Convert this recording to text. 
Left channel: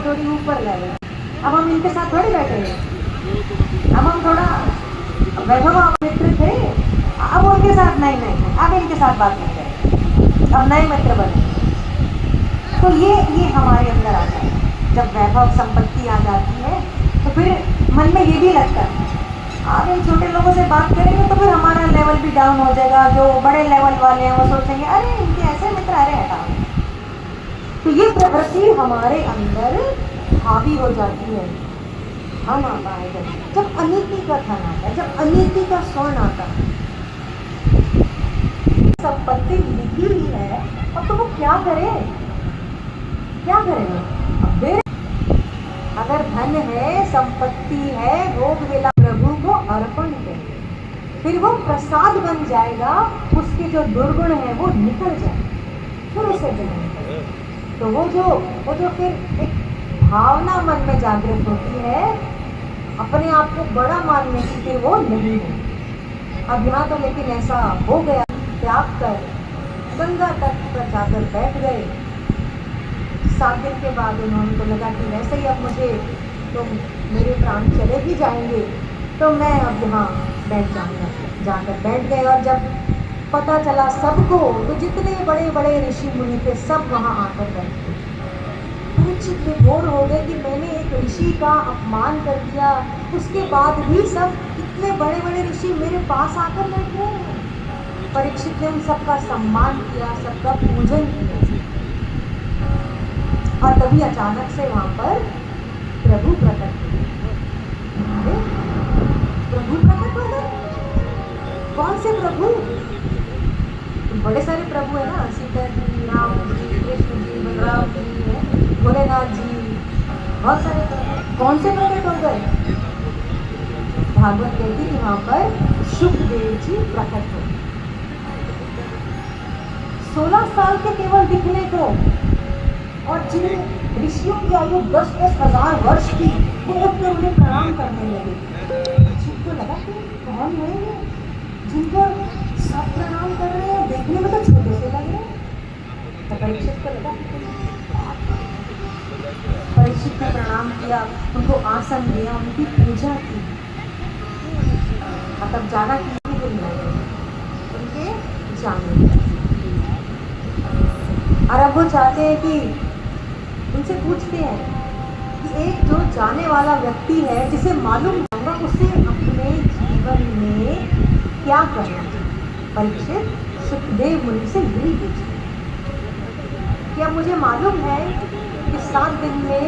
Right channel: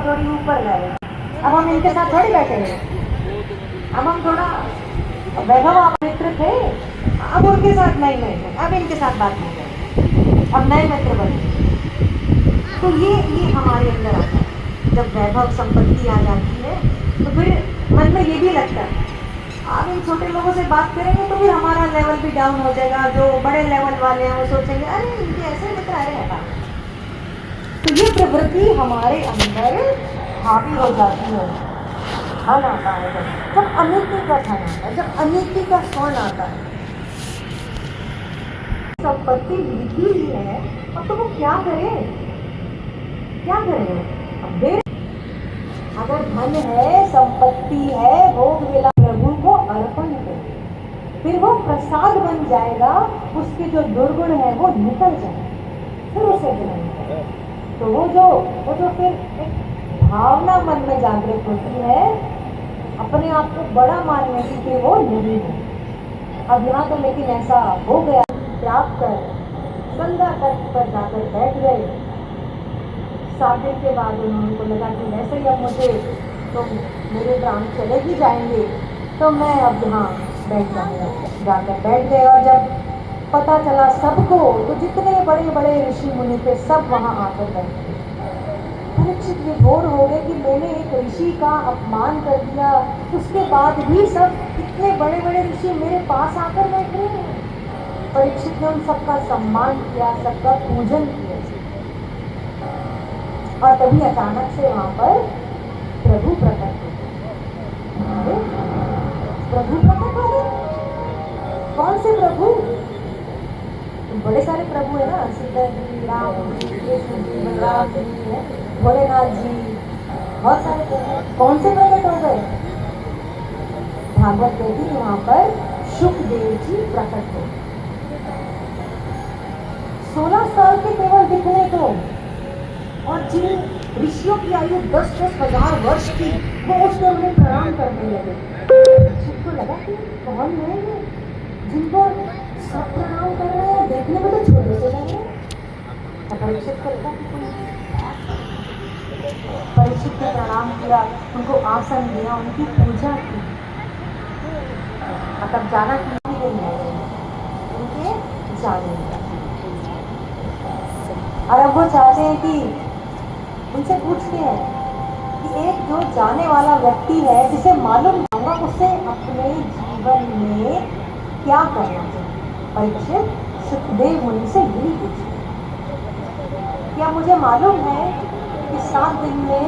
को थोड़ी ऊपर ले गए। अब हम इनके साथ थोड़ी बैठेंगे, अब हम थोड़ा वैभव मित्र थे, अब उनके साथ नहीं, अब इनके साथ बात नहीं करें, अब नए मित्र बने। तो ये हमारे अंदर आता है। जब वैभव संपत्ति आ जाती है तो फिर मन में ये भी लगता है आप इन छोटे लोगों से बात करेंगे तो फिर हमारा लेवल भी डाउन हो जाएगा। जो बड़े लेवल वाले हैं वो सोचेंगे अरे इनके ऐसे मित्र आ रहे हैं। तो ये प्रवृत्ति हमारे अंदर हावी हो जाती है ना। जब अनीति का धन आता है, जब अनीति का स्वर्ण आता है, संपत्ति लिखी हुई है और तो वो क्या करे, क्या करे? अब अगर धन है, संपत्ति है, भोग विलास प्रभु को अर्पण करे, फिर वो प्रसाद बन जाएगा, उसके जो दुर्गुण है वो निकल जाएगा, फिर उसे ग्रहण करे। तो वो जो फिर एक भावना मन में जागृत होती है अपने आप को बड़ा मानने की, फिर वो नहीं है। अब यहाँ तो लेकिन ऐसा हो गया, त्याग कर गंगा तट पर जाकर बैठ गए। 7 दिन के बाद उनको लगा कि वैसे ही अब मुझे तो मेरे प्राण चले ही जाएंगे, तो मैं अब यहाँ बैठ जाऊँगा। जाकर बैठ गए और जब पता चला सबको, तो जितने बड़े बड़े ऋषि मुनि थे सब वहाँ आकर बैठ गए। परीक्षित विभोर हो गए कि मैंने एक ऋषि का अपमान कर दिया, उसके बाद भी सब इतने बड़े बड़े ऋषि मेरे पास आकर बैठ रहे हैं। परीक्षित ने उन सबका सम्मान किया, सबका पूजन किया, और तभी अचानक से वहाँ पर प्रभु प्रकट हो गए। प्रभु प्रकट हो गए। कौन से प्रभु? तो बड़े सारे प्रभु है ना, सीता जी, राम जी, कृष्ण जी, बलराम जी है, भोलेनाथ जी, बहुत सारे प्रभु। कौन से प्रकट हो गए? भागवत कहती है वहाँ पर सुखदेव जी प्रकट हो। 16 साल के केवल दिखने को, और जिन ऋषियों की आयु 10-10 हजार वर्ष की, वो उसमें उन्हें प्रणाम करने लगे। सबको लगा कि कौन है ये जिनको सब प्रणाम कर रहे हैं, देखने में तो छोटे से लग रहे हैं। परीक्षित को लगा कि कोई, परीक्षित ने प्रणाम किया, उनको आसन दिया, उनकी पूजा की, तब जाना कि उनके जाने। और अब वो चाहते हैं कि उनसे पूछते हैं कि एक जो जाने वाला व्यक्ति है, जिसे मालूम होगा उसे अपने जीवन में क्या करना चाहिए। परीक्षित सुखदेव मुनि से यही पूछते, क्या मुझे मालूम है कि 7 दिन में